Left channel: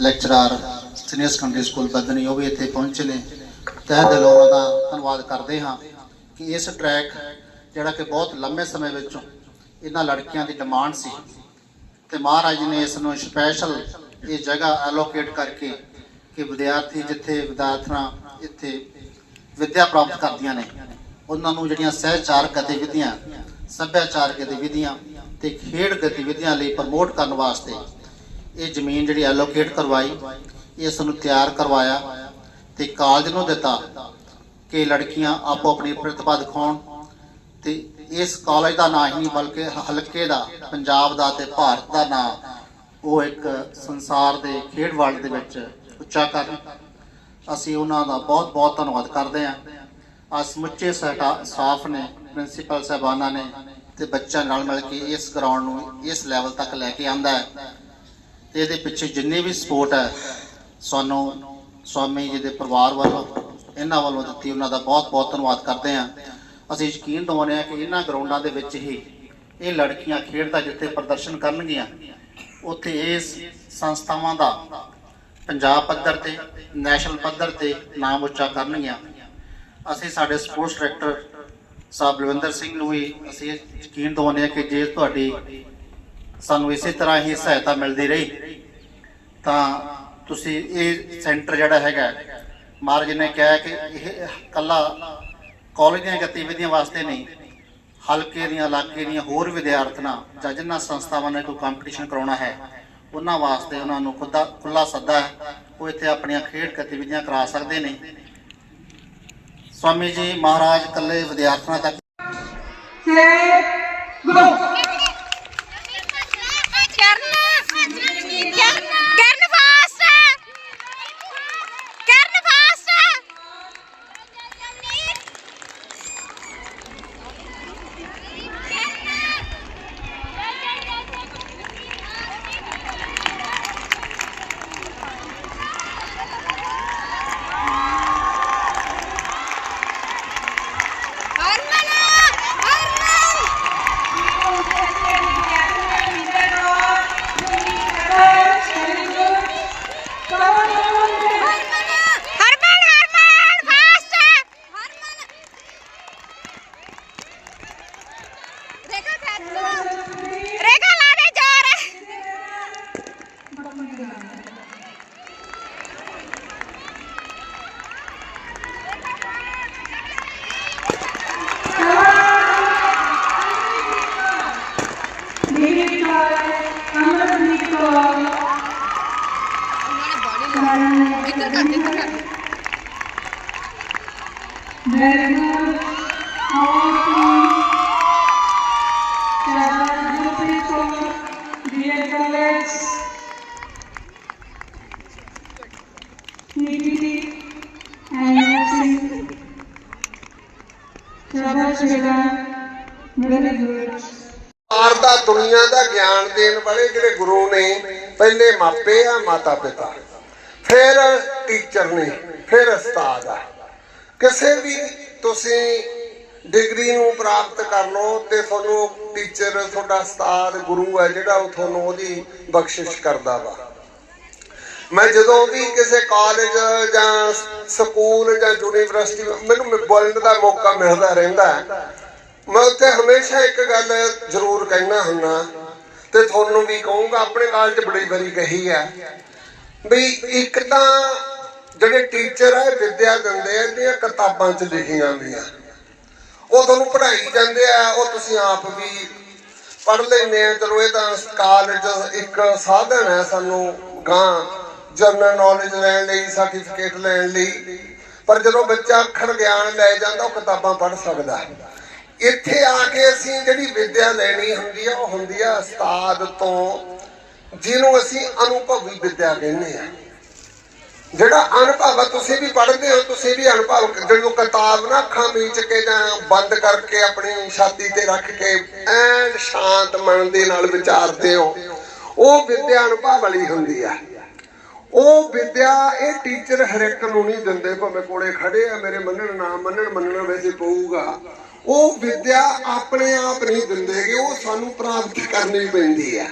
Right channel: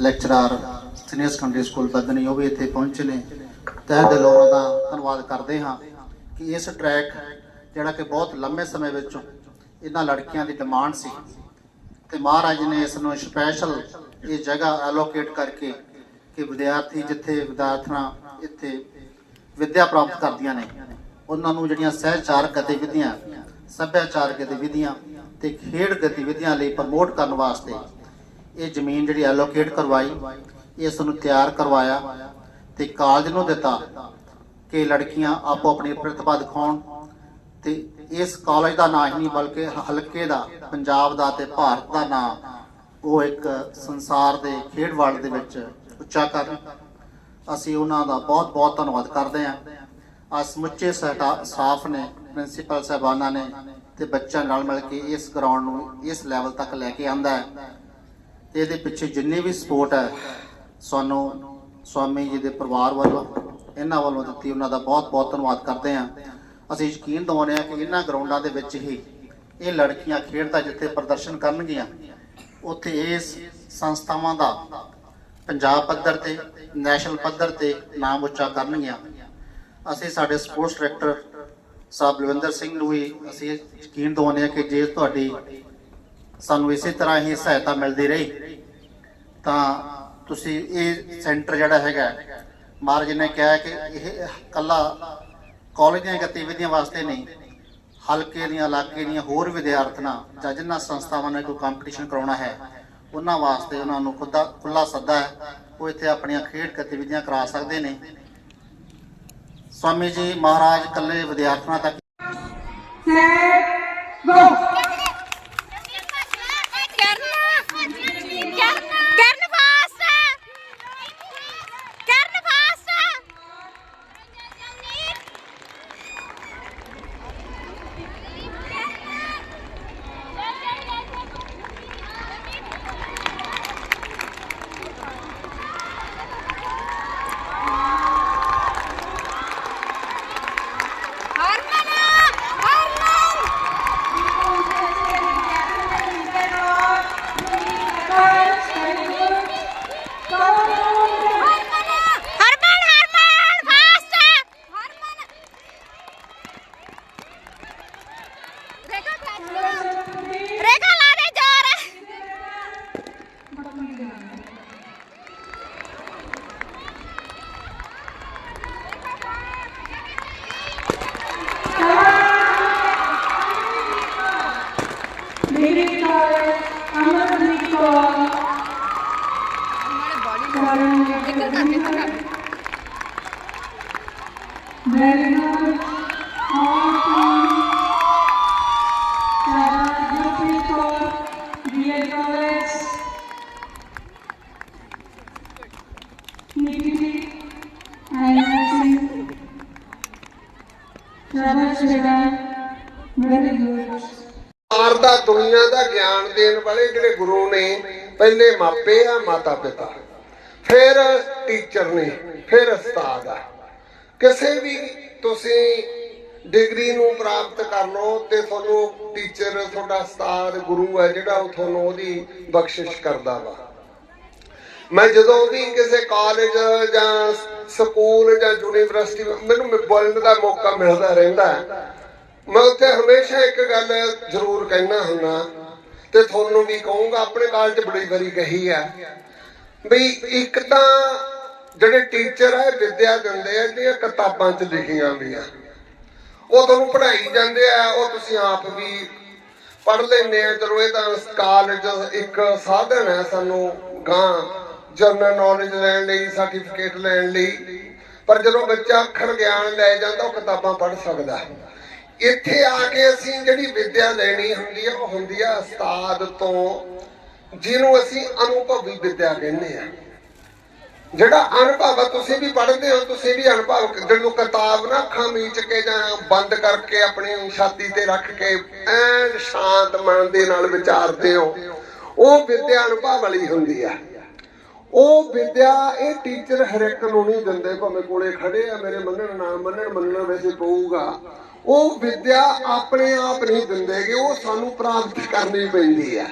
Lecturer senior secondary school Badhni ਉਹ ਵੀ ਇੱਥੇ ਪਹੁੰਚੇ ਨੇ। ਤਹਿ ਦਿਲੋਂ ਉਹਨਾਂ ਦਾ ਧੰਨਵਾਦ ਕਰਦੇ ਹਾਂ ਕਿ ਇਸ ਟਰੈਕ ਜਿਹੜਾ ਕਿ ਬਹੁਤ ਲੰਮੇ ਸਮੇਂ ਵਿੱਚ ਇਹਨਾਂ ਲੜਕੀਆਂ ਦੀ ਡਿਮਾਂਡ ਸੀ ਤੇ ਮਹਾਰਾਜ ਨੇ ਇਸ ਨੂੰ ਸਪੈਸ਼ਲ ਇਹ ਜਗ੍ਹਾ ਐਲੋਕੇਟ ਕਰਕੇ ਕਿ ਵਿਦਿਆਰਥੀ ਜਿੱਥੇ ਵਿਦਿਆਰਥਣਾਂ ਇੱਥੇ ਵਿੱਦਿਆ ਪ੍ਰਾਪਤ ਕਰਦੀਆਂ ਨੇ, ਉਹਨਾਂ ਨੂੰ ਜਿਹੜੀਆਂ ਸਹਿਚਾਰਕ ਗਤੀਵਿਧੀਆਂ, ਸੱਭਿਆਚਾਰਕ ਗਤੀਵਿਧੀਆਂ ਤੇ ਖੇਡ ਗਤੀਵਿਧੀਆਂ ਲਈ ਪ੍ਰਮੋਟ ਕਰਨ ਵਾਸਤੇ ਇਹ ਜ਼ਮੀਨ ਜਿਹੜੀ ਐਲੋਕੇਟ ਕਰਵਾਈ ਇਸ ਨੂੰ ਤਿਆਰ ਕਰਵਾਇਆ ਤੇ ਕਾਲਜ ਨੂੰ ਦਿੱਤਾ ਕਿ ਲੜਕੀਆਂ ਆਪੋ ਆਪਣੀ ਪ੍ਰਤਿਭਾ ਦਿਖਾਉਣ ਤੇ ਇਸ ਕਾਲਜ ਦਾ ਨਾਂ ਹੀ ਬਲਕਿ ਹਲਕੇ ਦਾ, ਪੰਜਾਬ ਦਾ ਤੇ ਭਾਰਤ ਦਾ ਨਾਂ ਉਹ ਇੱਕ ਸੰਸਾਰ ਦੇ ਖੇਡ ਵਰਲਡ ਦੇ ਵਿੱਚ ਉੱਚਾ ਕਰਨ ਅਸੀਂ ਉਹਨਾਂ ਦਾ ਬਹੁਤ ਬਹੁਤ ਧੰਨਵਾਦ ਕਰਦੇ ਹਾਂ। ਆ ਸਮੁੱਚੇ ਸਾਡਾ ਸਟਾਫ ਨੇ, ਪ੍ਰਿੰਸੀਪਲ ਸਾਹਿਬਾਨਾਂ ਨੇ ਤੇ ਬੱਚਾ ਨਾਲ ਮਿਲ ਕੇ ਇਸ ਗਰਾਊਂਡ ਨੂੰ ਇਸ ਲੈਵਲ ਤੱਕ ਲੈ ਕੇ ਆਂਦਾ ਹੈ। ਤੇ ਇਹਦੇ ਪਿੱਛੇ ਜਿੰਨੀ ਵੀ ਸਪੋਰਟ ਹੈ, ਸਾਨੂੰ ਸਵਾਮੀ ਜੀ ਦੇ ਪਰਿਵਾਰ ਵੱਲੋਂ, ਇਹਨਾਂ ਵੱਲੋਂ ਦਿੱਤੀ ਉਹਨਾਂ ਦਾ ਬਹੁਤ ਬਹੁਤ ਧੰਨਵਾਦ ਕਰਦੇ ਹਾਂ। ਅਸੀਂ ਯਕੀਨ ਦਿਵਾਉਂਦੇ ਹਾਂ ਕਿ ਇਹਨਾਂ ਗਰਾਊਂਡਾਂ ਦੇ ਵਿੱਚ ਹੀ ਇਹ ਲੜਕੀਆਂ ਖੇਡ ਦਾ ਜਿੱਥੇ ਪ੍ਰਦਰਸ਼ਨ ਕਰਨਗੀਆਂ, ਉੱਥੇ ਇਸ ਸੰਸਥਾਵਾਂ ਦਾ ਪੰਜਾਬ ਪੱਧਰ ਤੇ, ਨੈਸ਼ਨਲ ਪੱਧਰ ਤੇ ਨਾਮ ਉੱਚਾ ਕਰਨਗੀਆਂ। ਅਸੀਂ ਸਾਡੇ ਸਪੋਰਟਸ ਡਾਇਰੈਕਟਰ ਸਾਹਿਬ ਬਲਵਿੰਦਰ ਸਿੰਘ ਨੂੰ ਵੀ ਅਸੀਂ ਯਕੀਨ ਦਿਵਾਉਂਦੇ ਹਾਂ ਕਿ ਜੇ ਤੁਹਾਡੀ ਸਾਨੂੰ ਇਸੇ ਤਰ੍ਹਾਂ ਹੀ ਸਹਾਇਤਾ ਮਿਲਦੀ ਰਹੀ। ਤਾਂ ਤੁਸੀਂ ਇਹ ਸੈਂਟਰ ਜਿਹੜਾ ਹੈਗਾ, ਮਹਾਰਾਜ ਨੇ ਕਿਹਾ ਕਿ ਇਹ ਕੱਲਾ ਕਾਲਜ ਦੀਆਂ ਗਤੀਵਿਧੀਆਂ ਵਾਸਤੇ ਨਹੀਂ, ਹਲਕੇ ਦੀਆਂ, ਇਲਾਕੇ ਦੀਆਂ ਹੋਰ ਵਿਦਿਆਰਥਣਾਂ ਜਾਂ ਜਿਨ੍ਹਾਂ ਸੰਸਥਾਵਾਂ ਨੇ ਕੋਈ ਕੰਪੀਟੀਸ਼ਨ ਕਰਾਉਣਾ ਹੈ, ਉਹਨਾਂ ਵਾਸਤੇ ਉਹਨਾਂ ਨੂੰ ਖੁੱਦਾ ਖੁੱਲਾ ਸੱਦਾ ਹੈ, ਉਹ ਇੱਥੇ ਆਪਣੀਆਂ ਖੇਡ ਗਤੀਵਿਧੀਆਂ ਕਰਾ ਸਕਦੇ ਨੇ। ਸਵਾਮੀ ਜੀ, ਮਹਾਰਾਜ ਕੱਲੇ ਵਿਦਿਆਰਥਣਾਂ ਤੱਕ ਕਰਨ ਦਾ ਦੁਨੀਆ ਦਾ ਗਿਆਨ ਦੇਣ ਵਾਲੇ ਜਿਹੜੇ ਗੁਰੂ ਨੇ, ਪਹਿਲੇ ਮਾਪੇ ਆ, ਮਾਤਾ ਪਿਤਾ। ਫਿਰ ਟੀਚਰ ਨੇ, ਫਿਰ ਉਸਤਾਦ ਆ। ਕਿਸੇ ਵੀ ਤੁਸੀਂ ਡਿਗਰੀ ਨੂੰ ਪ੍ਰਾਪਤ ਕਰ ਲਓ ਤੇ ਤੁਹਾਨੂੰ ਟੀਚਰ ਤੁਹਾਡਾ ਉਸਤਾਦ ਗੁਰੂ ਹੈ ਜਿਹੜਾ ਉਹ ਤੁਹਾਨੂੰ ਉਹਦੀ ਬਖਸ਼ਿਸ਼ ਕਰਦਾ ਵਾ। ਮੈਂ ਜਦੋਂ ਵੀ ਕਿਸੇ ਕਾਲਜ ਜਾਂ ਸਕੂਲ ਜਾਂ ਯੂਨੀਵਰਸਿਟੀ ਮੈਨੂੰ ਬੋਲਣ ਦਾ ਮੌਕਾ ਮਿਲਦਾ ਰਹਿੰਦਾ ਮੈਂ ਉੱਥੇ ਹਮੇਸ਼ਾ ਇੱਕ ਗੱਲ ਜ਼ਰੂਰ ਕਹਿਣਾ ਹੁੰਦਾ, ਤੇ ਤੁਹਾਨੂੰ ਵੀ ਕਹੂੰਗਾ, ਆਪਣੇ ਕਾਲਜ ਬੜੀ ਵਾਰੀ ਕਹੀ ਹੈ ਵੀ ਇੱਕ ਤਾਂ ਜਿਹੜੇ ਟੀਚਰ ਆ, ਵਿਦਿਆ ਦਿੰਦੇ ਆ ਜਿਹੜੀਆਂ ਕਿਤਾਬਾਂ 'ਚ ਲਿਖੀਆਂ ਹੁੰਦੀਆਂ ਉਹ ਤੁਹਾਨੂੰ ਪੜ੍ਹਾਈ ਜਾਂਦੇ ਆ, ਉਹ ਤੁਸੀਂ ਆਪ ਵੀ ਪੜ੍ਹ ਲੈਂਦੇ ਆ। ਚਲੋ ਇਹ ਤਾਂ ਕਾਲਜ ਇੱਕ ਸਾਧਨ ਹੈ ਸਾਨੂੰ ਗਾਂ ਜਨਰਲ ਨੌਲੇਜ ਲੈਣ ਲਈ ਸਰਟੀਫਿਕੇਟ ਲੈਣ ਲਈ। ਪਰ ਜਦੋਂ ਬੱਚਾ ਅੱਖਰ ਗਿਆਨ ਲੈ ਜਾਂਦਾ, ਉਹ ਕਿਤਾਬਾਂ ਪੜ੍ਹ ਸਕਦਾ ਹੈ। ਇੱਥੇ ਆ ਕੇ ਅਸੀਂ ਜਿਹੜੀ ਵਿਦਿਆ ਲੈਣੀ ਹੁੰਦੀ ਹੈ ਉਹ ਹੁੰਦੀ ਹੈ ਉਸਤਾਦ ਤੋਂ, ਜਿਹਨੂੰ ਅਸੀਂ ਅਨੁਭਵੀ ਵਿਦਿਆ ਕਹਿੰਦੇ ਆ। ਜਿਹੜਾ ਅਨੁਭਵ ਤੁਸੀਂ ਵੀ ਪੜ੍ਹਦੇ ਹੋ, ਤੁਸੀਂ ਵੀ ਅਨੁਭਵ ਜਦੋਂ ਕਿਤਾਬ ਨਾ ਅੱਖਾਂ ਮੀਚ ਕੇ ਜਾਂ ਬੰਦ ਕਰਕੇ ਆਪਣੀ ਛਾਤੀ ਤੇ ਰੱਖ ਕੇ ਐਨ ਸ਼ਾਂਤ ਮਨ ਦੇ ਨਾਲ ਵਿਚਾਰਦੇ ਹੋ, ਉਹ ਵਿਦਿਆ ਅਨੁਭਵ ਵਾਲੀ ਹੁੰਦੀ ਆ। ਉਹ ਵਿਦਿਆ ਇਹ ਟੀਚਰ ਹਰ ਇੱਕ ਨੂੰ ਨਹੀਂ ਦਿੰਦੇ, ਭਾਵੇਂ ਕੋਲੇ ਖੜੇ ਆ, ਮੇਰੇ ਮੰਨਣ, ਨਾ ਮੰਨਣ ਮੰਨਣ ਵੈਸੇ ਪਊਗਾ। ਉਹ ਵਿਦਿਆ ਆਪਣੇ ਆਪ ਨਹੀਂ ਦਿੰਦੇਗੇ ਉਹ ਸਾਨੂੰ ਪ੍ਰਾਪਤ ਕਰਨੀ ਪੈਂਦੀ ਆ।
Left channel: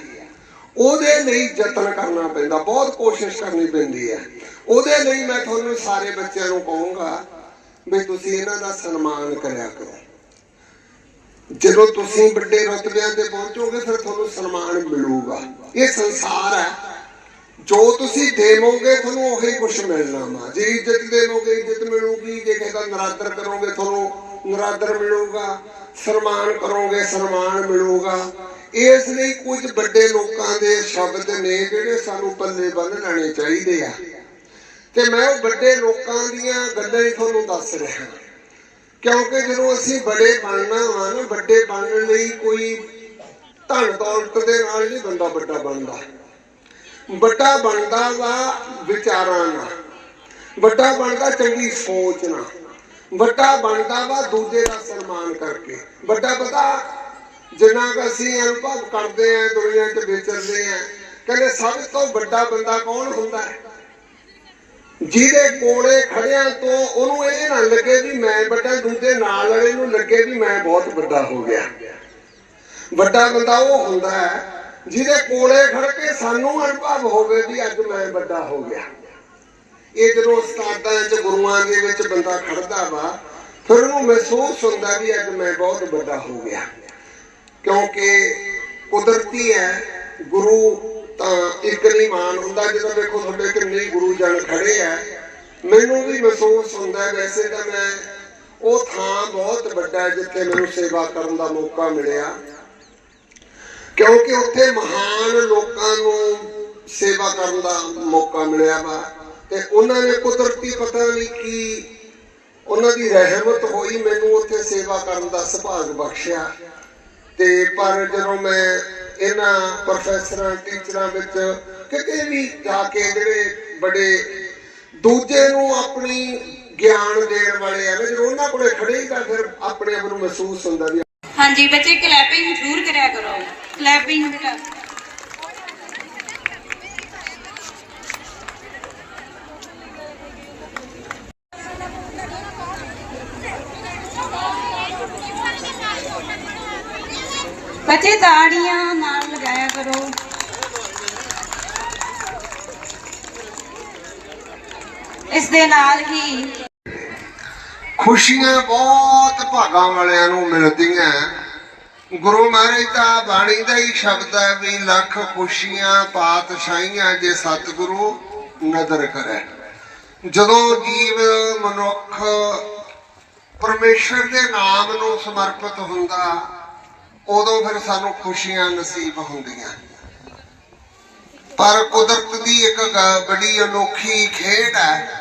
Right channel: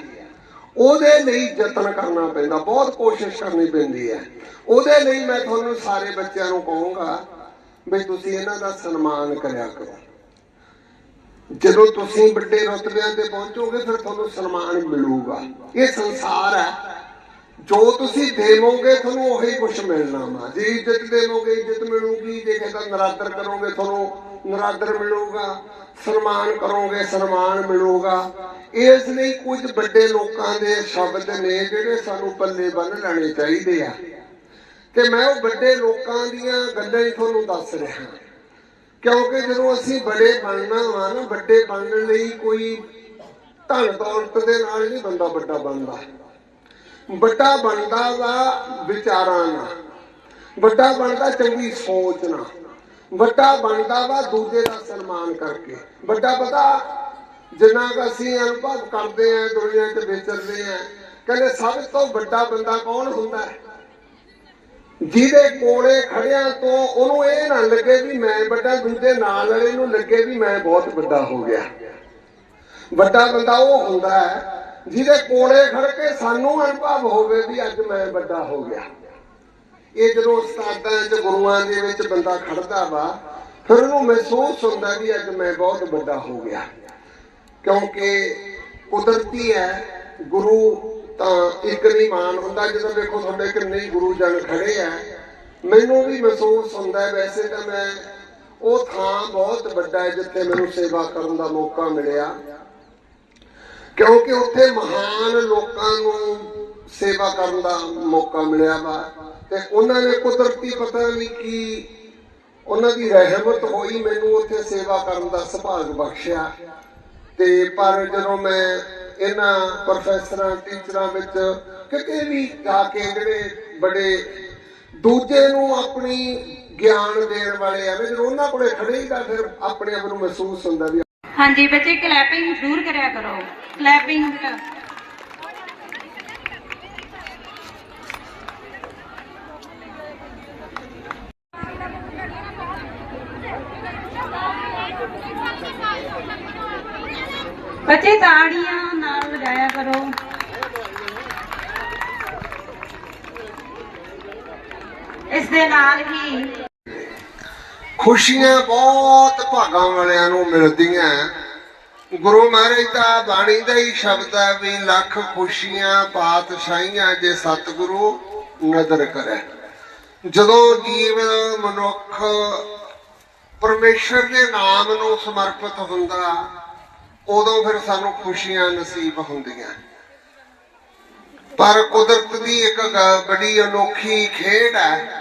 ਉਹਦੇ ਲਈ ਯਤਨ ਕਰਨਾ ਪੈਂਦਾ, ਬਹੁਤ ਕੋਸ਼ਿਸ਼ ਕਰਨੀ ਪੈਂਦੀ ਹੈ। ਉਹਦੇ ਲਈ ਮੈਂ ਤੁਹਾਨੂੰ ਸਾਰੇ ਬੱਚਿਆਂ ਨੂੰ ਕਹੂੰਗਾ ਵੀ ਤੁਸੀਂ ਇਹਨਾਂ ਦਾ ਸਨਮਾਨ ਕਰਿਆ ਕਰੋ। ਜਦੋਂ ਤੁਸੀਂ ਵੱਡੇ ਰੁਤਬਿਆਂ ਤੇ ਪਹੁੰਚੋਗੇ, ਫਿਰ ਤੁਹਾਨੂੰ ਸਨਮਾਨ ਮਿਲੂਗਾ। ਇਹ ਸੰਸਾਰ ਹੈ। ਜੋ ਤੁਸੀਂ ਦੇਵੋਗੇ, ਤੁਹਾਨੂੰ ਉਹੀ ਕੁਝ ਮਿਲਣਾ ਵਾ ਜੇ ਇੱਜ਼ਤ ਦੇਵੋਗੇ, ਇੱਜ਼ਤ ਮਿਲੂਗੀ। ਜੇ ਕਿਸੇ ਨਰਾਦਰ ਕਰੋਗੇ, ਤੁਹਾਨੂੰ ਨਰਾਦਰ ਮਿਲੂਗਾ। ਸਨਮਾਨ ਕਰੋਗੇ, ਸਨਮਾਨ ਮਿਲੂਗਾ। ਇਸ ਲਈ ਕੁਝ ਵੱਡੇ ਲੋਕਾਂ ਦੇ ਸ਼ਬਦ ਨੇ ਜਿਹੜੇ ਸਾਨੂੰ ਪੱਲੇ ਬੰਨ ਲੈਣੇ ਚਾਹੀਦੇ ਆ। ਤੇ ਮੈਂ ਉਹ ਵੱਡੇ ਲੋਕਾਂ ਦੀਆਂ ਗੱਲਾਂ ਹੀ ਤੁਹਾਨੂੰ ਦੱਸ ਰਿਹਾ। ਕਿਉਂਕਿ ਜਦੋਂ ਅਸੀਂ ਬੜੇ ਬਣਨਾ ਵਾ ਨਾ, ਵੱਡੇ ਬਣਨ ਲਈ ਕੋਈ ਧਨ ਦੌਲਤ ਦੇ ਨਾਲ ਨਹੀਂ ਬੰਦਾ ਵੱਡਾ ਬਣਦਾ। ਵੱਡਾ ਬਣਦਾ ਵਾ ਵਿਚਾਰਾਂ ਨਾਲ। ਵੱਡਾ ਬਣਦਾ ਚੰਗੀ ਸੋਚ ਨਾਲ। ਵੱਡਾ ਬਣਦਾ ਵਾ ਦੂਜੇ ਦਾ ਸਨਮਾਨ ਕਰਕੇ। ਵੱਡਾ ਪਤਾ, ਜਿੰਨਾ ਕੁ ਅਸੀਂ ਅਨੁਭਵ ਕਰਦੇ ਆਂ ਦੁਨੀਆ 'ਚ ਵਿਚਰਦੇ ਆਂ ਕਹਿੰਦੇ ਸਭ ਤੋਂ ਵੱਡਾ ਬੰਦਾ ਕੌਣ ਹੁੰਦਾ ਹੈ? ਜਿਹਦੇ ਕੋਲੇ ਖੜਿਆਂ ਤੋਂ ਉਹਨੂੰ ਇਹ ਨਾ ਲੱਗੇ ਵੀ ਮੈਂ ਵੱਡਾ, ਦੂਜੇ ਨਾਲ ਵਾਲੇ ਨੂੰ ਲੱਗੇ ਵੀ ਮੈਂ ਬਹੁਤ ਵੱਡਾ ਹੋ ਗਿਆ। ਵੱਡਾ ਬੰਦਾ ਉਹ ਹੁੰਦਾ ਹੈ ਜਿਹਦੇ ਕੋਲੇ ਖੜ ਕੇ ਸਾਨੂੰ ਅਨੁਭਵ ਹੋਵੇ ਵੀ ਅੱਜ ਮੈਂ ਵੱਡਾ ਹੋ ਗਿਆ। ਇਹ ਜਦੋਂ ਉਸਤਾਦਾਂ 'ਚ ਗੁਰੂਆਂ ਦੇ ਵਿੱਚ ਬੰਦਾ ਖੜਦਾ ਵਾ, ਫਿਰ ਉਹਨੂੰ ਮਹਿਸੂਸ ਹੁੰਦਾ ਵੀ ਅੱਜ ਮੈਂ ਬਹੁਤ ਵੱਡਾ ਹੋ ਗਿਆ। ਕਿਉਂਕਿ ਕੁਦਰਤੀ ਹੈ, ਗੁਰੂ ਤਾਂ ਇੱਕ ਨਹੀਂ ਮਾਨ ਹੁੰਦਾ। ਜਦੋਂ ਵੇਖੋ ਤੁਹਾਡੇ ਕਿੰਨੇ ਗੁਰੂ ਜਨ ਖੜੇ ਆ, ਮੈਨੂੰ ਵੀ ਮਹਿਸੂਸ ਹੁੰਦਾ, ਵੈਸੇ ਤਾਂ ਮੈਂ ਉਹ ਥਾਂ ਬਹੁਤ ਵੱਡਾ ਜਿੱਥੇ ਮੈਨੂੰ ਸੇਵਾ ਕਰਨ ਦਾ ਮੌਕਾ ਮਿਲਿਆ। ਕਿਉਂਕਿ ਉੱਥੇ ਮਹਾਨ ਲੋਕਾਂ ਨੂੰ ਸੇਵਾ ਕਰਨ ਦਾ ਮੌਕਾ ਮਿਲਿਆ ਵਾ ਤੇ ਉਹਨਾਂ ਨੇ ਕੁਦਰਤੀ ਪਤਾ ਨਹੀਂ ਕੀ ਉਹਨਾਂ ਦੀ ਰਹਿਮਤ ਹੋਈ ਮੈਨੂੰ ਉੱਥੇ ਸੇਵਾ ਕਰਨ ਦਾ ਸੁਭਾਗ ਬਖਸ਼ਿਆ। ਤੇ ਪਰ ਜਦੋਂ ਮੈਂ ਇਹਨਾਂ ਪ੍ਰੋਫੈਸਰਾਂ, ਟੀਚਰਾਂ ਵਿੱਚ ਕਿਤੇ ਵੀ ਜਾ ਕੇ ਜਿਹੜੇ ਬੜੇ ਦੂਜੇ ਨੂੰ ਆਪਣੀ ਗਿਆਨ ਦੇਣ ਵਾਲੇ ਆ ਨਾ, ਜਦੋਂ ਉਹਨਾਂ ਕੋਲੇ ਖੜੇ ਹੀ ਤਾਂ ਫਿਰ ਆਪਣੇ ਆਪ ਨੂੰ ਮਹਿਸੂਸ ਹੁੰਦਾ ਵੀ ਹਾਂਜੀ, ਬੱਚੇ ਕਲੈਪਿੰਗ ਜ਼ਰੂਰ ਕਰਿਆ ਕਰੋ। ਕਲੈਪਿੰਗ ਬੇਟਾ ਬੱਚੇ ਤਾੜੀਆਂ ਨਾਲ ਲਗਾਇਆ ਕਰੋ। ਇਸ ਦੇ ਨਾਲ ਹੀ ਖੁਸ਼ੀਆਂ ਬਹੁਤ ਭਾਗਾਂ ਵਾਲਿਆਂ ਨੂੰ ਮਿਲਦੀਆਂ। ਗੁਰੂ ਮਹਾਰਾਜ ਦਾ ਬਾਣੀ ਦਾ ਹੀ ਸ਼ਬਦ ਹੈ ਵੀ ਲੱਖ ਖੁਸ਼ੀਆਂ ਪਾਤਸ਼ਾਹੀਆਂ ਜੇ ਸਤਿਗੁਰੂ ਨਦਰ ਕਰੇ। ਜਦੋਂ ਜੀਵ ਮਨੁੱਖ ਪਰਮੇਸ਼ਰ ਦੇ ਨਾਮ ਨੂੰ ਸਮਰਪਿਤ ਹੁੰਦਾ, ਉਦੋਂ ਫਿਰ ਸਾਨੂੰ ਖੁਸ਼ੀਆਂ ਨਸੀਬ ਹੁੰਦੀਆਂ। ਪਰ ਕੁਦਰਤ ਦੀ ਇੱਕ ਬੜੀ ਅਨੋਖੀ ਖੇਡ ਹੈ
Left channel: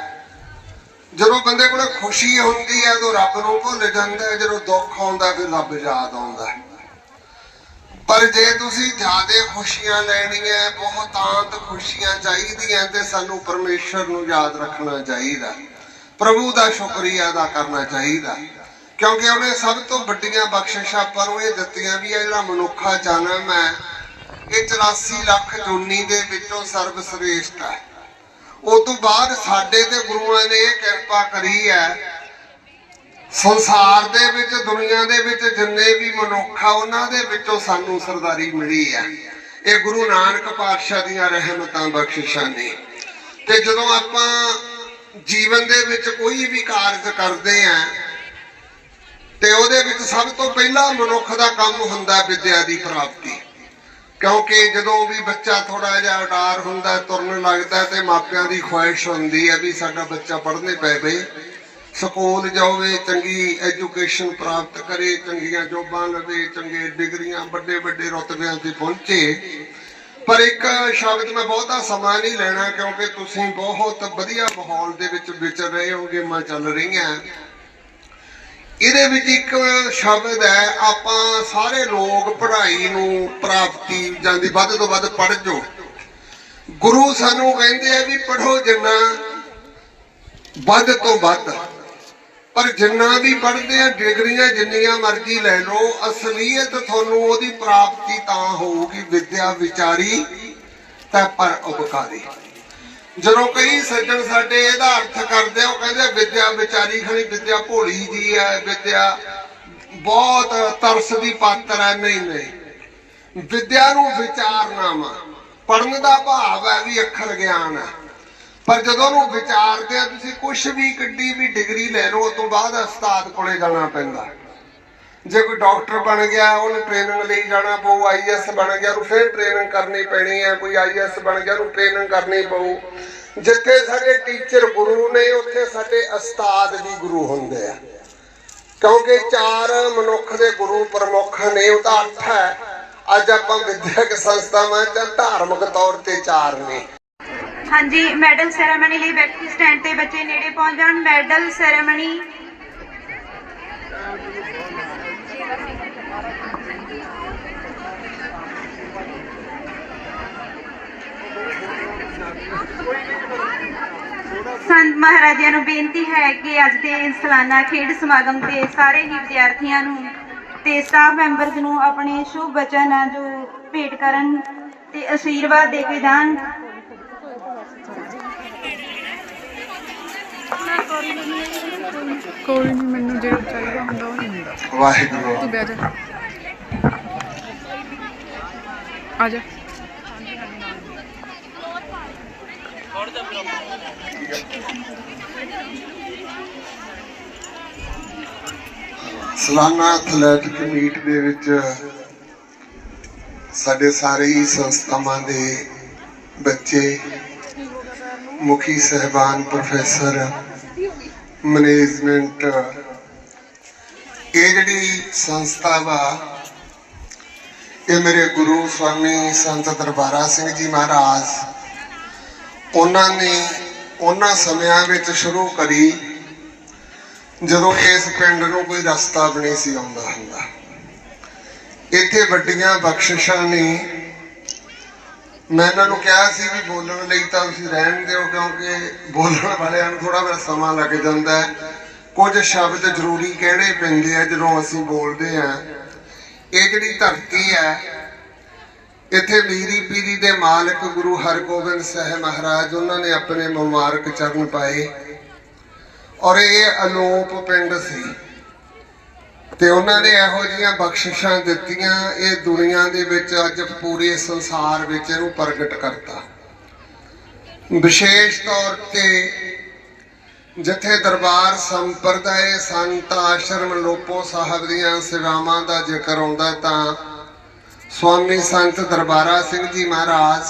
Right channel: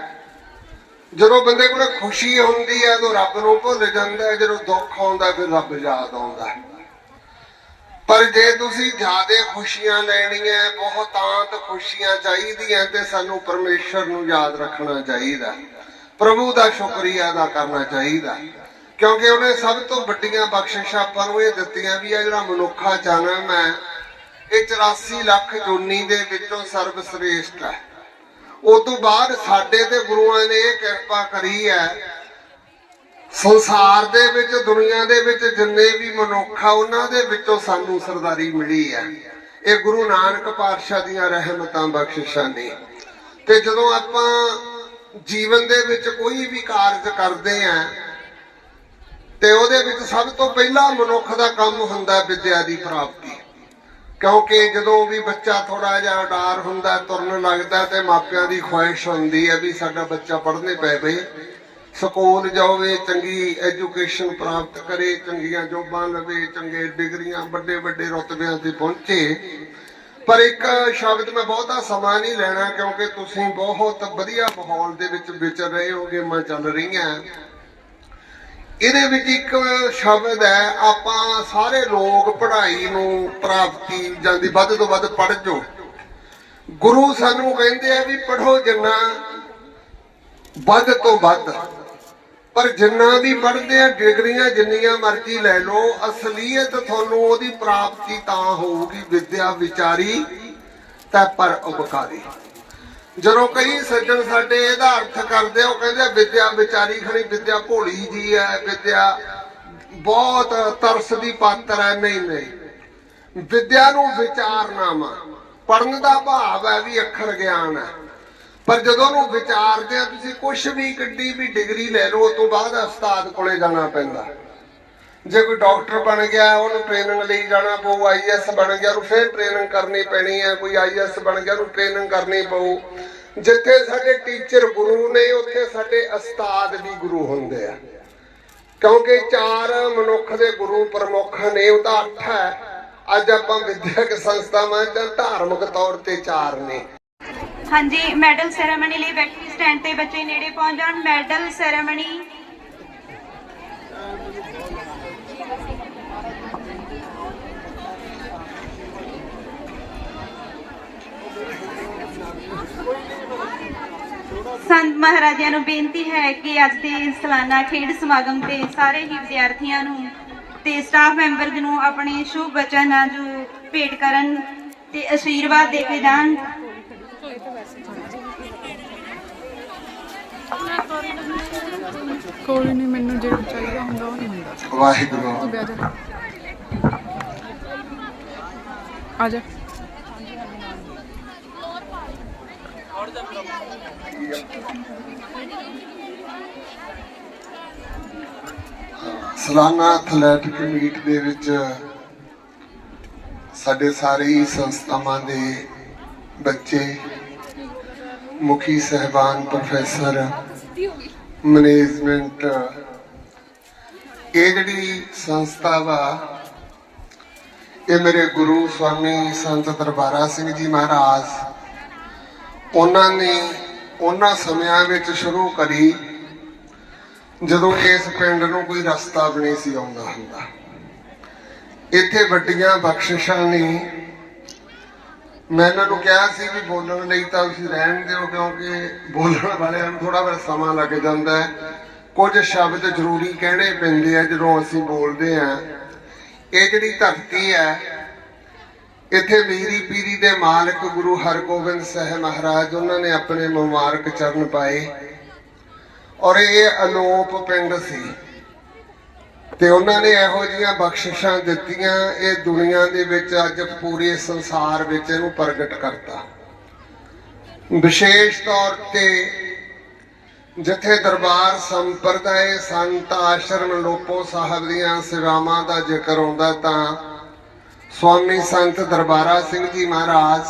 ਜਦੋਂ ਬੰਦੇ ਕੋਲ ਖੁਸ਼ੀ ਹੁੰਦੀ ਹੈ ਤਾਂ ਰੱਬ ਨੂੰ ਭੁੱਲ ਜਾਂਦਾ ਹੈ, ਜਦੋਂ ਦੁੱਖ ਆਉਂਦਾ ਫਿਰ ਰੱਬ ਯਾਦ ਆਉਂਦਾ ਹੈ। ਪਰ ਜੇ ਤੁਸੀਂ ਜ਼ਿਆਦਾ ਖੁਸ਼ੀਆਂ ਲੈਣੀਆਂ, ਬਹੁਤਾਂਤ ਖੁਸ਼ੀਆਂ ਚਾਹੀਦੀਆਂ, ਤੇ ਸਾਨੂੰ ਪਰਮੇਸ਼ਰ ਨੂੰ ਯਾਦ ਰੱਖਣਾ ਚਾਹੀਦਾ। ਪ੍ਰਭੂ ਦਾ ਸ਼ੁਕਰੀਆ ਅਦਾ ਕਰਨਾ ਚਾਹੀਦਾ। ਕਿਉਂਕਿ ਉਹਨੇ ਸਭ ਤੋਂ ਵੱਡੀਆਂ ਬਖਸ਼ਿਸ਼ਾਂ ਆਪਾਂ ਨੂੰ ਇਹ ਦਿੱਤੀਆਂ ਵੀ ਇਹ ਜਿਹੜਾ ਮਨੁੱਖਾ ਜਨਮ ਹੈ ਇਹ 84 ਲੱਖ ਜੁਨੀ ਦੇ ਵਿੱਚੋਂ ਸਰਵ ਸ੍ਰੇਸ਼ਟ ਹੈ। ਉਸ ਤੋਂ ਬਾਅਦ ਸਾਡੇ ਤੇ ਗੁਰੂਆਂ ਨੇ ਇਹ ਕਿਰਪਾ ਕਰੀ ਹੈ, ਸੰਸਾਰ ਦੇ ਵਿੱਚ, ਦੁਨੀਆ ਦੇ ਵਿੱਚ ਜਿੰਨੇ ਵੀ ਮਨੁੱਖ ਆ, ਉਹਨਾਂ ਦੇ ਵਿੱਚੋਂ ਸਾਨੂੰ ਸਰਦਾਰੀ ਮਿਲੀ ਹੈ। ਇਹ ਗੁਰੂ ਨਾਨਕ ਪਾਤਸ਼ਾਹ ਦੀਆਂ ਰਹਿਮਤਾਂ ਬਖਸ਼ਿਸ਼ਾਂ ਨੇ। ਤੇ ਜਦੋਂ ਆਪਾਂ ਜੀਵਨ ਦੇ ਵਿੱਚ ਕੋਈ ਵੀ ਕਾਰਜ ਕਰਦੇ ਆਂ, ਤੇ ਉਹਦੇ ਵਿੱਚ ਸਭ ਤੋਂ ਪਹਿਲਾ ਮਨੁੱਖ ਦਾ ਕੰਮ ਹੁੰਦਾ ਵਿਦਿਆ ਦੀ ਪ੍ਰਾਪਤੀ। ਕਿਉਂਕਿ ਜਦੋਂ ਵੀ ਬੱਚਾ ਥੋੜਾ ਜਿਹਾ ਉਡਾਰ ਹੁੰਦਾ, ਤੁਰਨ ਲੱਗਦਾ ਤੇ ਮਾਪਿਆਂ ਦੀ ਖੁਆਇਸ਼ ਹੁੰਦੀ ਹੈ ਵੀ ਸਾਡਾ ਬੱਚਾ ਪੜ੍ਹਨੇ ਪੈਵੇ, ਸਕੂਲ ਜਾਵੇ, ਚੰਗੀ ਐਜੂਕੇਸ਼ਨ ਪ੍ਰਾਪਤ ਕਰੇ, ਚੰਗੀਆਂ ਜੋਬਾਂ ਲਵੇ, ਚੰਗੇ ਡਿਗਰੀਆਂ ਵੱਡੇ ਵੱਡੇ ਰੁਤਬਿਆਂ ਤੇ ਪਹੁੰਚੇ। ਪਰ ਇੱਕ ਸ਼ਬਦ ਮੈਂ ਬਹੁਤਾ ਸਮਾਂ ਨਹੀਂ ਲੈਣਾ ਕਿਉਂਕਿ ਤੁਸੀਂ ਬਹੁਤ ਵਧੀਆ ਮਾਹੌਲ ਦੇ ਵਿੱਚ ਵਿਚਰ ਰਹੇ ਹੋ ਗੇਮਾਂ ਚੱਲ ਰਹੀਆਂ। ਇਹਦੇ ਵਿੱਚ ਇੱਕ ਸ਼ਬਦ ਹੈ, ਆਪਾਂ ਸਾਰੇ ਲੋਕ ਪੜ੍ਹਾਈ ਨੂੰ ਪ੍ਰਾਪਤੀ ਜਾਂਦੀ ਵੱਧ ਤੋਂ ਵੱਧ ਪੜ੍ਹ ਜੋ ਗੁਰੂ ਸਾਨੂੰ ਕਹਿੰਦੇ ਆ ਵੀ ਪੜ੍ਹੋ ਜਿੰਨਾ ਵੱਧ ਤੋਂ ਵੱਧ। ਪਰ ਜਿੰਨਾ ਵੀ ਪੜ੍ਹਦੇ ਆ, ਡਿਗਰੀਆਂ ਜਿੰਨੀਆਂ ਮਰਜ਼ੀ ਲੈ ਲਓ, ਅਸਲੀਅਤ ਤੁਹਾਨੂੰ ਉਹਦੀ ਪ੍ਰਾਪਤੀ ਤਾਂ ਹੋਊਗੀ, ਵਿਦਿਆ ਵਿਚਾਰੀ ਤਾਂ ਪਰ ਉਪਕਾਰੀ। ਜਦੋਂ ਕਈ ਸੱਜਣ ਸਾਡੇ ਇਹਦਾ ਅਰਥ ਕਰਦੇ ਉਹ ਕਹਿੰਦੇ ਵਿਦਿਆ ਵਿਚਾਰੀ ਖੜੀ, ਵਿਦਿਆ ਭੋਲੀ ਜੀ ਹੈ, ਵਿਦਿਆ ਬਹੁਤ ਤਰਸ ਦੀ ਪਾਤਰ ਹੈ। ਨਹੀਂ ਨਹੀਂ। ਵਿਦਿਆ ਨੂੰ ਵਿਚਾਰਨਾ ਵਾ ਪੜਨ ਦਾ ਭਾਵ ਹੈ ਵੀ ਅੱਖਰ ਗਿਆਨ ਹੈ। ਪਰ ਜਦੋਂ ਉਹਨੂੰ ਵਿਚਾਰਦੇ ਆ, ਤੁਸੀਂ ਕੁਝ ਵੀ ਕੱਢੀ ਵੀ ਡਿਗਰੀ ਲੈ ਲਓ ਉਸ ਤੋਂ ਬਾਅਦ ਉਸਤਾਦ ਕੋਲੇ ਜਾਣਾ ਪੈਂਦਾ। ਜੇ ਕੋਈ ਡਾਕਟਰ ਬਣ ਗਿਆ, ਉਹਨੂੰ ਟ੍ਰੇਨਿੰਗ ਲਈ ਜਾਣਾ ਪਊ ਆਈਐਸ ਬਣ ਗਿਆ, ਉਹਨੂੰ ਫਿਰ ਟ੍ਰੇਨਿੰਗ ਕਰਨੀ ਪੈਣੀ ਹੈ, ਕੋਈ ਆਈਐਸ ਬਣ ਗਿਆ, ਉਹਨੂੰ ਟ੍ਰੇਨਿੰਗ ਕਰਨੀ ਪਊ। ਜਿੱਥੇ ਸਾਡੇ ਟੀਚਰ ਗੁਰੂ ਨੇ, ਉੱਥੇ ਸਾਡੇ ਉਸਤਾਦ ਵੀ ਗੁਰੂ ਹੁੰਦੇ ਆ। ਕਿਉਂਕਿ ਚਾਰ ਮਨੁੱਖ ਦੇ ਗੁਰੂ ਪ੍ਰਮੁੱਖ ਨੇ ਉਹਦਾ ਅਰਥ ਹੈ। ਅੱਜ ਆਪਾਂ ਵਿਦਿਅਕ ਸੰਸਥਾਵਾਂ ਜਾਂ ਧਾਰਮਿਕ ਤੌਰ ਤੇ ਚਾਰ ਨੇ। ਹਾਂਜੀ, ਮੈਡਲ ਸੈਰੇਮਨੀ ਲਈ ਬੈਠੀ ਸਟੈਂਡ ਤੇ ਬੱਚੇ ਨੇੜੇ ਪਹੁੰਚ ਜਾਣ। ਮੈਡਲ ਸੈਰੇਮਨੀ ਸੰਤ ਮਹਾਰਾਜਿਆਂ ਨੂੰ ਬੇਨਤੀ ਹੈ ਕਿ ਅੱਜ ਦੇ ਸਾਲਾਨਾ ਖੇਡ ਸਮਾਗਮ ਤੇ ਸਾਰੇ ਹੀ ਵਿਦਿਆਰਥੀਆਂ ਨੂੰ ਤੇ ਸਟਾਫ ਮੈਂਬਰਸ ਨੂੰ ਆਪਣੇ ਸ਼ੁਭ ਬਚਨ ਆ ਜੋ ਭੇਟ ਕਰਨ ਤੇ ਅਸ਼ੀਰਵਾਦ ਦੇ ਕੇ ਜਾਣ। ਕੋਈ ਨਹੀਂ ਮੈਨੂੰ ਜਿਹੜਾ ਚਾਹੀਦਾ ਹੁੰਦਾ ਉਹ ਨਹੀਂ ਹੁੰਦਾ। ਵਾਹਿਗੁਰੂ। ਤੂੰ ਬਹਿ ਜਾ। ਆ ਜਾ। ਸਾਲਾਨਾ ਐਥਲੈਟਿਕ ਮੀਟ ਦੇ ਵਿੱਚ ਸਾਡੇ ਸਾਰੇ ਹੀ ਸੰਸਥਾਵਾਂ ਦੇ ਬੱਚੇ ਮੁਖੀ ਸਹਿਬਾਨ ਪ੍ਰੋਫੈਸਰ ਮੈਨੇਜਮੈਂਟ ਇਹ ਜਿਹੜੀ ਸੰਸਥਾ ਵਾ, ਇਹ ਮੇਰੇ ਗੁਰੂ ਸਵਾਮੀ ਸੰਤ ਦਰਬਾਰਾ ਸਿੰਘ ਜੀ ਮਹਾਰਾਜ, ਉਹਨਾਂ ਨੇ ਉਹਨਾਂ ਸਮਿਆਂ ਵਿੱਚ ਸ਼ੁਰੂ ਕਰੀ, ਜਦੋਂ ਇਸ ਪਿੰਡ ਨੂੰ ਕੋਈ ਰਸਤਾ ਵੀ ਨਹੀਂ ਸੀ ਆਉਂਦਾ ਹੁੰਦਾ। ਇੱਥੇ ਵੱਡੀਆਂ ਬਖਸ਼ਿਸ਼ਾਂ ਨੇ ਮੈਂ ਇਹਨਾਂ ਨੂੰ ਕਿਹਾ ਸੀ ਵੀ ਬੋਲਣ ਲਈ ਤਾਂ ਤੁਸੀਂ ਰਹਿਣ ਦਿਓ, ਕਿਉਂਕਿ ਬੋਲਣ ਵਾਲਿਆਂ ਨੂੰ ਥੋੜਾ ਜਿਹਾ ਸਮਾਂ ਲੱਗ ਜਾਂਦਾ ਹੈ। ਕੁਝ ਸ਼ਬਦ ਜ਼ਰੂਰੀ ਕਿਹੜੇ ਪੈਂਦੇ ਆ ਜਦੋਂ ਅਸੀਂ ਬੋਲਦੇ ਆ ਇਹ ਜਿਹੜੀ ਧਰਤੀ ਹੈ, ਇੱਥੇ ਮੀਰੀ ਪੀਰੀ ਦੇ ਮਾਲਕ ਗੁਰੂ ਹਰਗੋਬਿੰਦ ਸਾਹਿਬ ਮਹਾਰਾਜ, ਉਹਨਾਂ ਨੇ ਆਪਣੇ ਮੁਬਾਰਕ ਚਰਨ ਪਾਏ। ਔਰ ਇਹ ਅਲੋਪ ਪਿੰਡ ਸੀ। ਤੇ ਉਹਨਾਂ ਨੇ ਇਹੋ ਜੀਆਂ ਬਖਸ਼ਿਸ਼ਾਂ ਦਿੱਤੀਆਂ, ਇਹ ਦੁਨੀਆ ਦੇ ਵਿੱਚ ਅੱਜ ਪੂਰੇ ਸੰਸਾਰ ਵਿੱਚ ਇਹਨੂੰ ਪ੍ਰਗਟ ਕਰਤਾ। ਵਿਸ਼ੇਸ਼ ਤੌਰ ਤੇ ਜਿੱਥੇ ਦਰਬਾਰ ਸੰਪਰਦਾਇ ਸੰਤ ਆਸ਼ਰਮ ਲੋਪੋ ਸਾਹਿਬ ਦੀਆਂ ਸੇਵਾਵਾਂ ਦਾ ਜ਼ਿਕਰ ਆਉਂਦਾ ਤਾਂ ਸਵਾਮੀ ਸੰਤ ਦਰਬਾਰਾ ਸਿੰਘ ਜੀ ਮਹਾਰਾਜ,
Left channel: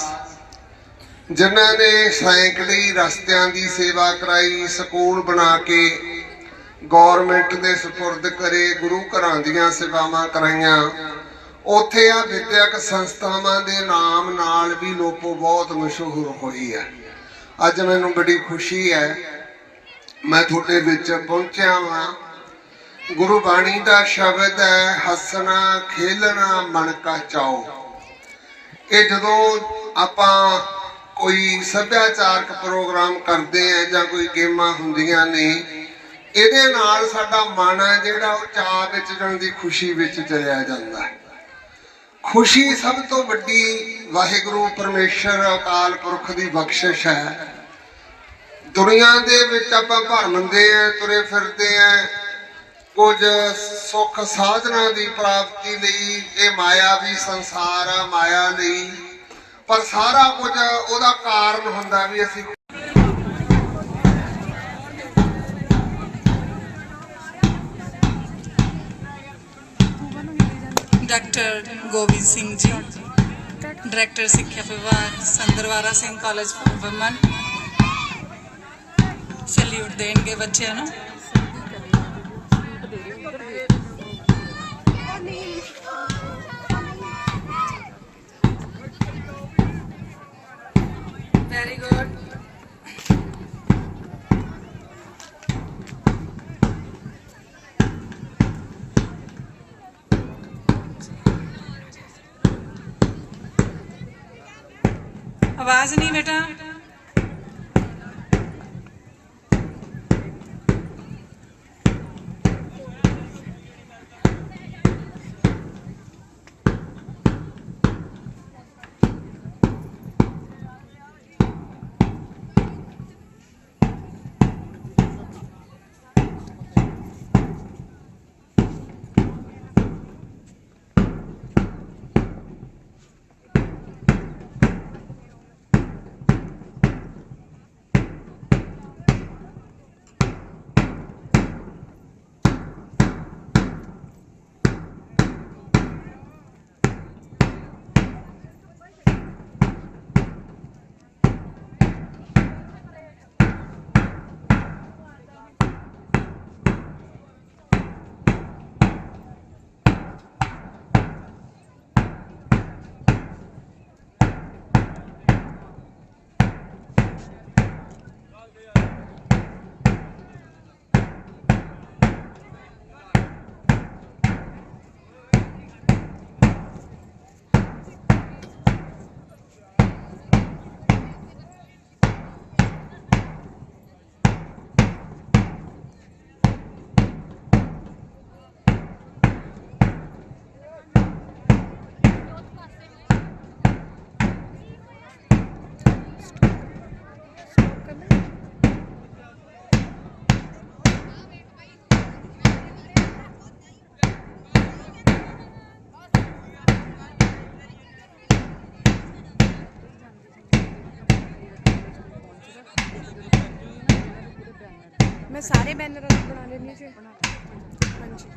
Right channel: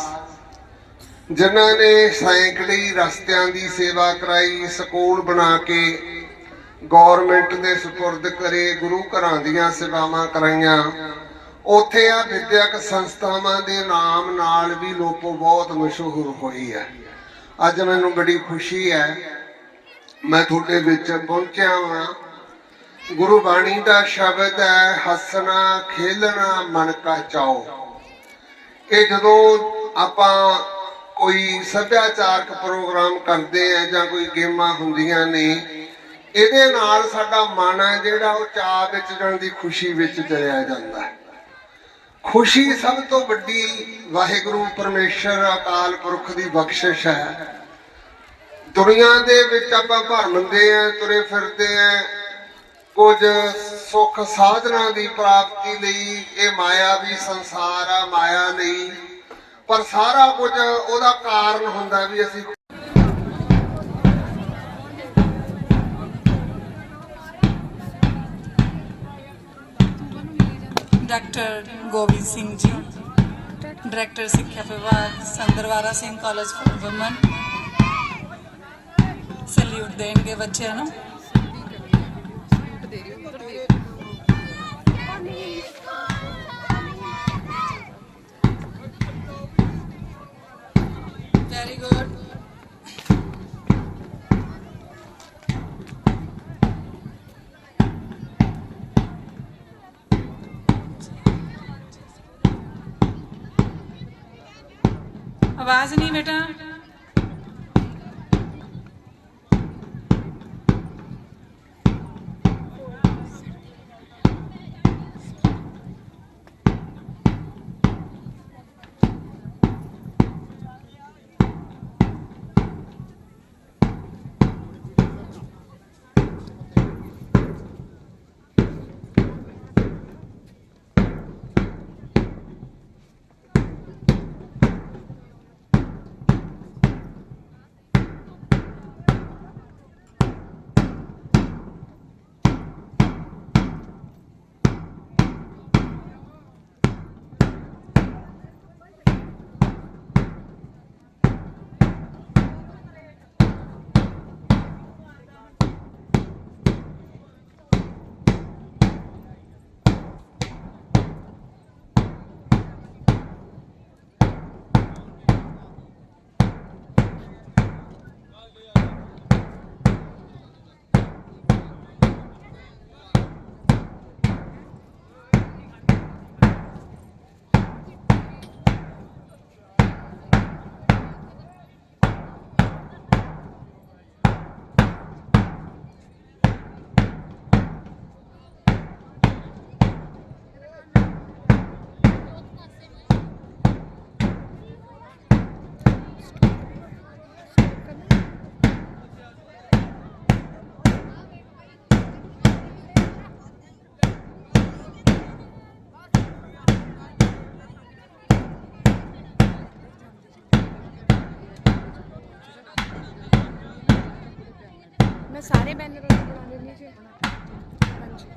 ਜਿਨ੍ਹਾਂ ਨੇ ਸਾਈਕਲੀ ਰਸਤਿਆਂ ਦੀ ਸੇਵਾ ਕਰਾਈ, ਸਕੂਲ ਬਣਾ ਕੇ ਗਵਰਨਮੈਂਟ ਦੇ ਸਪੁਰਦ ਕਰੇ, ਗੁਰੂ ਘਰਾਂ ਦੀਆਂ ਸੇਵਾਵਾਂ ਕਰਾਈਆਂ। ਉੱਥੇ ਆ ਵਿਦਿਅਕ ਸੰਸਥਾਵਾਂ ਦੇ ਨਾਮ ਨਾਲ ਵੀ ਲੋਪੋ ਬਹੁਤ ਮਸ਼ਹੂਰ ਹੋਈ ਹੈ। ਅੱਜ ਮੈਨੂੰ ਬੜੀ ਖੁਸ਼ੀ ਹੈ, ਮੈਂ ਤੁਹਾਡੇ ਵਿੱਚ ਪਹੁੰਚਿਆ ਵਾਂ। ਗੁਰੂ ਬਾਣੀ ਦਾ ਸ਼ਬਦ ਹੈ, ਹੱਸਣਾ, ਖੇਲਣਾ, ਮਨ ਕਾ ਚਾਓ। ਇਹ ਜਦੋਂ ਆਪਾਂ ਕੋਈ ਸੱਭਿਆਚਾਰਕ ਪ੍ਰੋਗਰਾਮ ਕਰਦੇ ਆ ਜਾਂ ਕੋਈ ਗੇਮਾਂ ਹੁੰਦੀਆਂ ਨੇ ਇਹਦੇ ਨਾਲ ਸਾਡਾ ਮਨ ਹੈ ਜਿਹੜਾ ਉਹ ਚਾਹ ਵਿੱਚ ਜਾਣ ਖੁਸ਼ੀ ਵਿੱਚ ਚਲਿਆ ਜਾਂਦਾ ਹੈ। ਖੁਸ਼ੀ ਸਭ ਤੋਂ ਵੱਡੀ ਵਾਹਿਗੁਰੂ ਪਰਮੇਸ਼ਰ ਅਕਾਲ ਪੁਰਖ ਦੀ ਬਖਸ਼ਿਸ਼ ਹੈ। ਦੁਨੀਆ ਦੇ ਵਿੱਚ ਆਪਾਂ ਭਰਮਦੇ ਆ ਤੁਰੇ ਫਿਰਦੇ ਆ ਕੁਝ ਸੁੱਖ ਸਾਧਨਾ ਦੀ ਪ੍ਰਾਪਤੀ ਲਈ ਇਹ ਮਾਇਆ ਵੀ ਸੰਸਾਰ ਆ, ਮਾਇਆ ਲਈ ਪਰ ਸਾਰਾ ਕੁਝ ਉਹਦਾ ਕਾਰਨ ਹੁੰਦਾ ਵੀ ਅਸੀਂ ਡਾਕਟਰ ਗੋਬਿੰਦ ਸਿੰਘ ਜੀ ਡਾਇਰੈਕਟਰ ਸਿੱਖਿਆ ਵਿਭਾਗ Sant Darbara Singh college for women salute ਦੇਣਗੇ ਬੱਚਿਆਂ ਨੂੰ ਵੈਰੀ ਗੁੱਡ ਆਵਾਜ਼ ਨਹੀਂ ਬੇਟਾ। ਮੈਂ ਸਾਰੇ ਬੈਨਰਾਂ ਨੂੰ ਬਣਾ ਲੈਣੀ ਸੀ ਹਾਂਜੀ।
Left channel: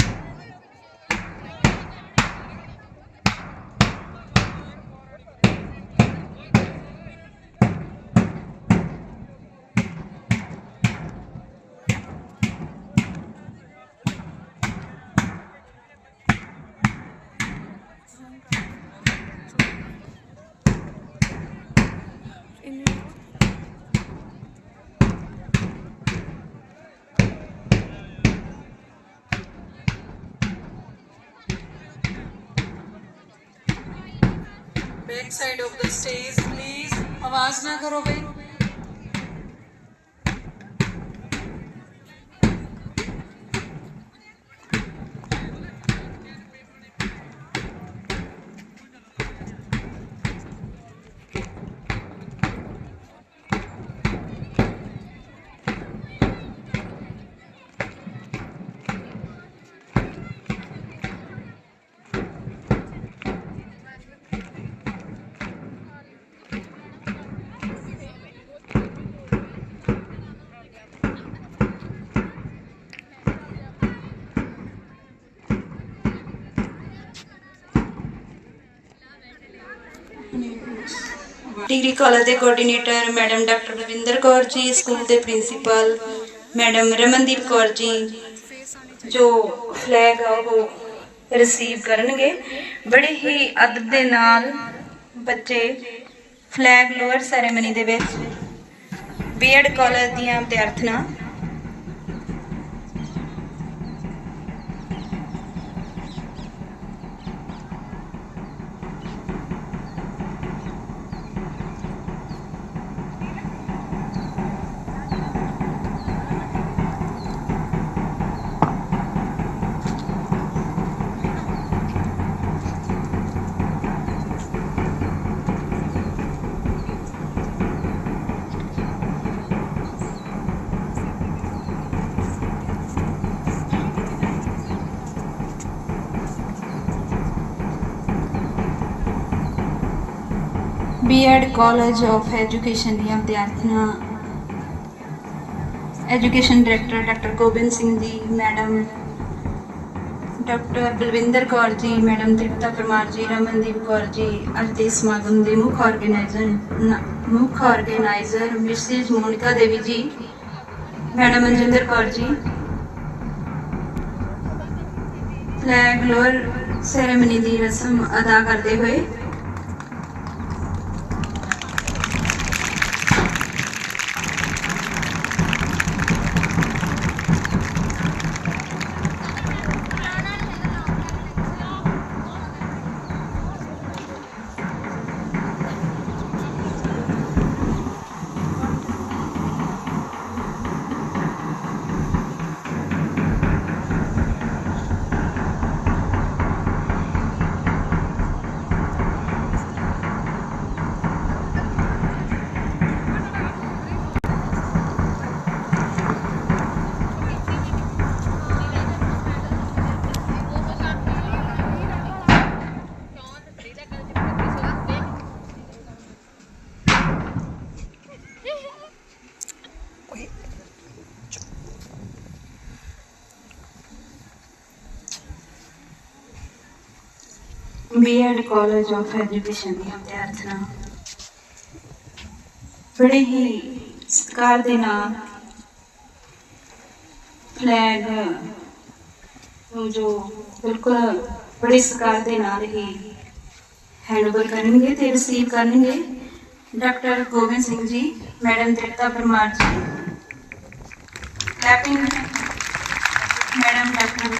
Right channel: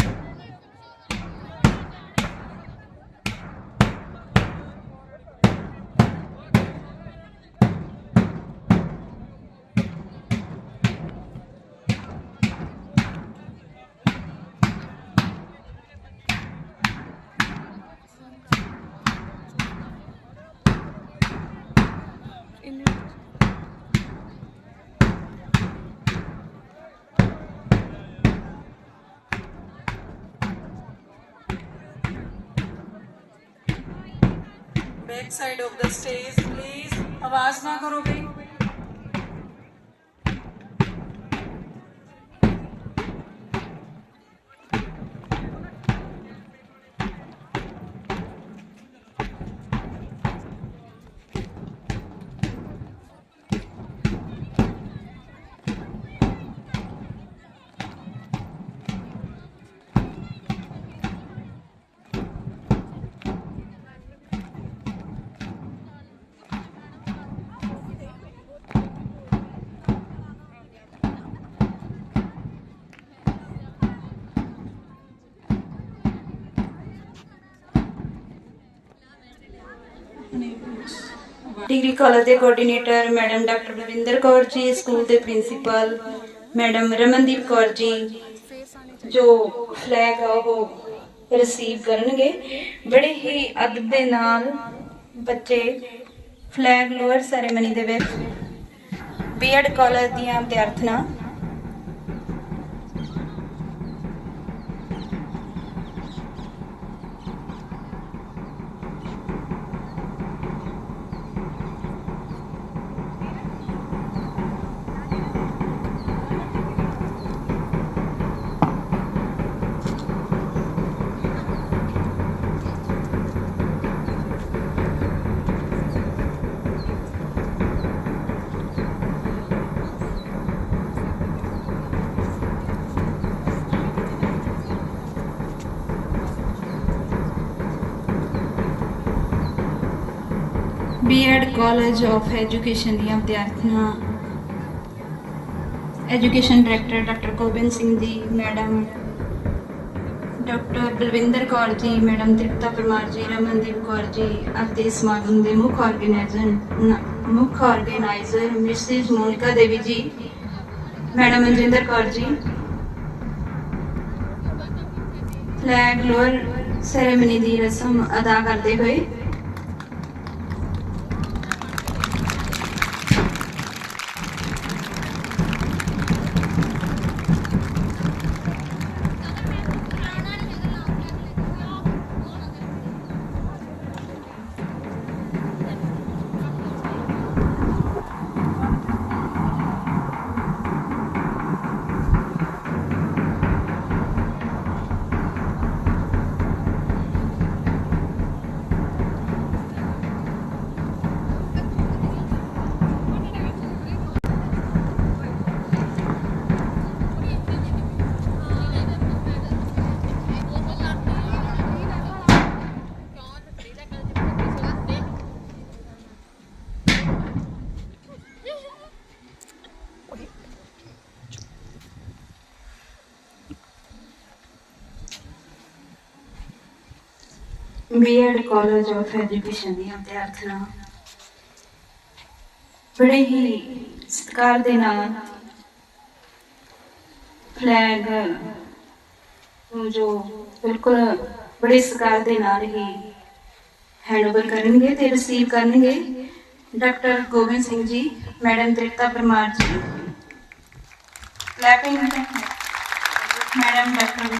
Back side of the stage please ਆਵਾਜ਼ ਨਾ ਕਰੋਗੇ। ਡਿਗਰੀ ਕਾਲਜ ਦੇ coordinator madam doctor Bavinder Kaur ji, school ਦੇ ਪ੍ਰਿੰਸੀਪਲ ਮੈਡਮ ਰਮਨਦੀਪ ਕੌਰ ਜੀ, ਜੋ ਫਲੈਗ ਆ ਉਹ ਰਿਸੀਵ ਕਰਨਗੇ। ਬੜੇ ਹੀ ਅਦਬ ਦੇ ਨਾਲ ਬੱਚੇ ਫਲੈਗ ਲੋਅਰ ਸੈਰੇਮਨੀ ਦੇ ਵਿੱਚ ਬੀਐਡ ਕਾਲਜ ਦੀਆਂ ਵਿਦਿਆਰਥਣਾਂ ਬੀਐਡ ਕਾਲਜ ਆਫ ਐਜੂਕੇਸ਼ਨ ਦੀਆਂ ਵਿਦਿਆਰਥਣਾਂ education director doctor Gobind Singh ji madam doctor Balwinder Kaur ji madam Tripta Parmar ਜੀ ਰਮਨਦੀਪ ਕੌਰ ਜੀ ਅੱਜ ਦੇ ਸਮਾਗਮ ਦੇ ਮੁੱਖ ਆਰਗੇਨਾਈਜ਼ਰ ਮੁੱਖ organiser Mrs Monika Devi ji madam Manjinder Kaur ji flag lower ceremony ਦੀ ਰਸਮ ਅਦਾ ਕਰਦੇ ਹੋਏ ਬੀਐਡ ਕਾਲਜ ਆਫ ਐਜੂਕੇਸ਼ਨ ਦੀਆਂ ਵਿਦਿਆਰਥਣਾਂ। ਬੜੇ ਹੀ ਸਤਿਕਾਰ ਦੇ ਨਾਲ ਫਲੈਗ ਨੂੰ ਜੋ ਬਿਲਕੁਲ ਬੜੇ ਸਤਿਕਾਰ ਦੇ ਨਾਲ ਹੀ ਹੈਂਡਓਵਰ ਕਰਨਗੇ ਤੇ ਰਿਸੀਵ ਕਰਨਗੇ। ਡਾਕਟਰ ਗੋਬਿੰਦ ਸਿੰਘ ਜੀ, ਮੈਡਮ ਤ੍ਰਿਪਤਾ ਪਰਮਾਰ ਜੀ। Clapping madam doctor